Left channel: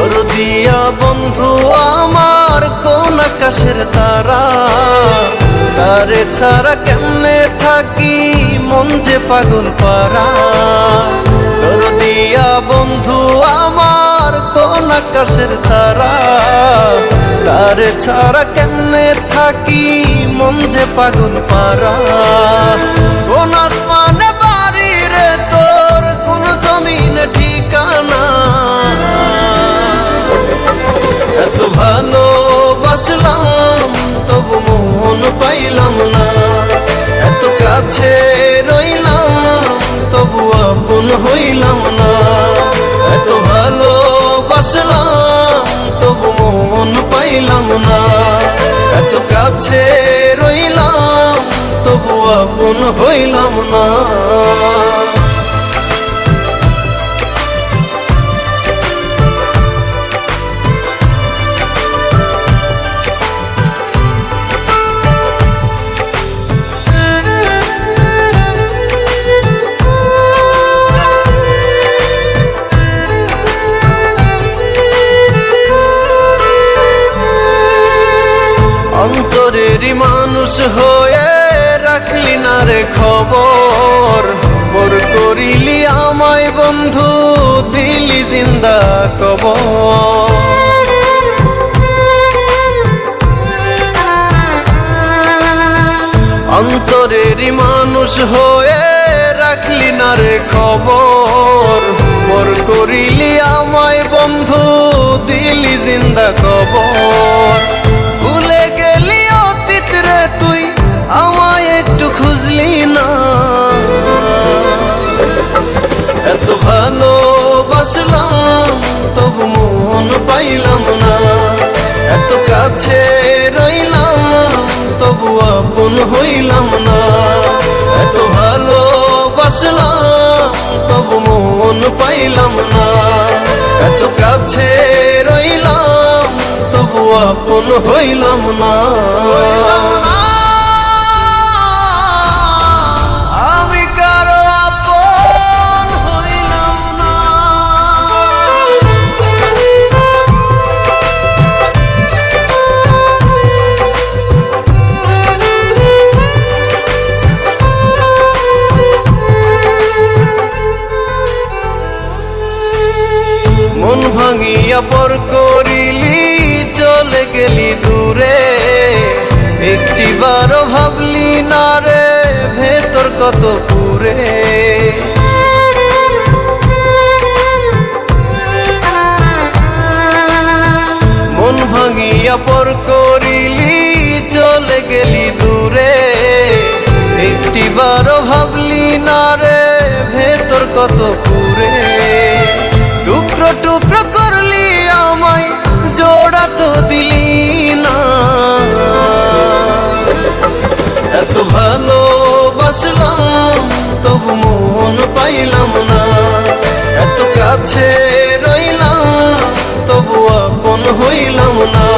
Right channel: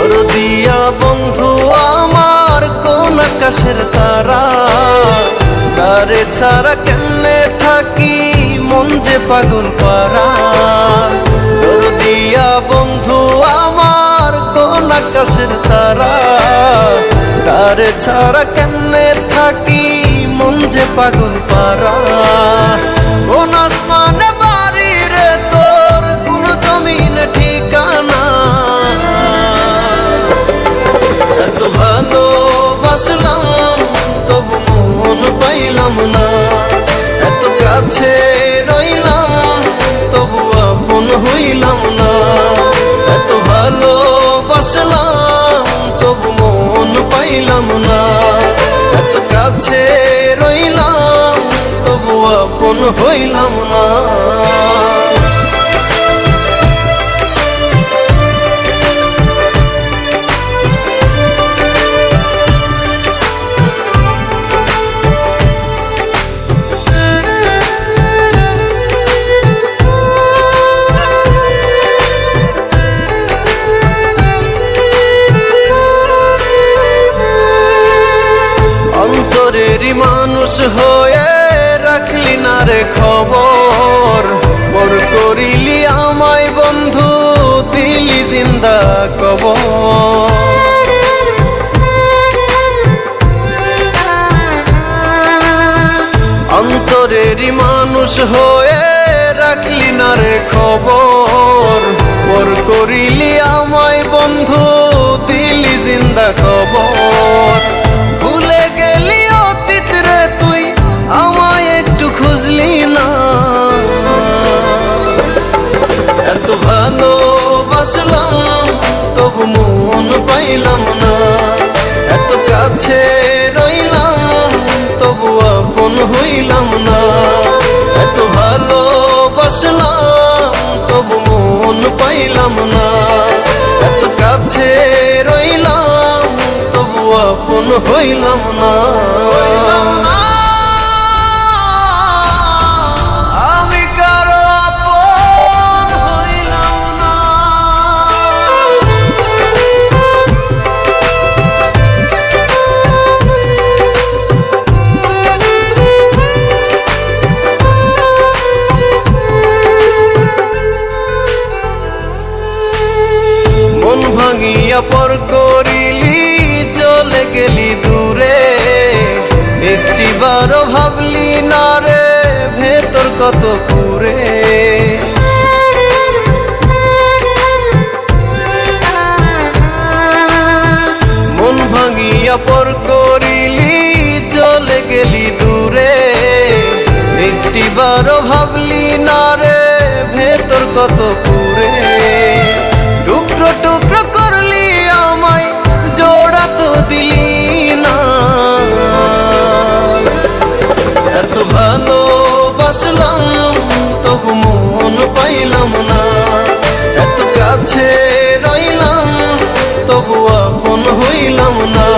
দরদিয়া বন্ধু আমার কোন আকাশের তারা, তারে ছাড়া কেমনে থাকি মন যে পাগল পারা। দরদিয়া বন্ধু আমার কোন আকাশের তারা, তারে ছাড়া কেমনে থাকি মন যে পাগল পারা। কোন আসমানে বাড়ি রে তোর, কোন জমিনে ঠিকানা, এত ভালোবাসলাম তবু মন পাইলাম না। এত কাছে রইলাম তবু আপন হইলাম না। এত ভালোবাসলাম তবু মন পাইলাম না। এত কাছে রইলাম তবু আপন হইলাম না। অন্তরেরই মানুষ হয়ে রাখলি না রে খবর, পর করিলি আমায় বন্ধু দিলি জিন্দা কবর। অন্তরেরই মানুষ হয়ে রাখলি না রে খবর, পর করিলি আমায় বন্ধু দিলি জিন্দা কবর। ভুলে গেলি অতীত রে তুই আমায় একটু খুঁজলি না। এত ভালোবাসলাম তবু মন পাইলাম না। এত কাছে রইলাম তবু আপন হইলাম না। এত ভালোবাসলাম তবু মন পাইলাম না। এত কাছে রইলাম তবু আপন হইলাম না। আমি কারো আপন হইলাম না। মন ভাঙিয়া পর করিলি চলে গেলি দূরে, একটিবারও ভাবলি না রে ভেতর কত পুরে। মন ভাঙিয়া পর করিলি চলে গেলি দূরে, একটিবারও ভাবলি না রে ভেতর কত পুরে। টুকরো টুকরো করলি আমায় জোড়া তো দিলি না। এত ভালোবাসলাম তবু মন পাইলাম না। এত কাছে রইলাম তবু আপন হইলাম না।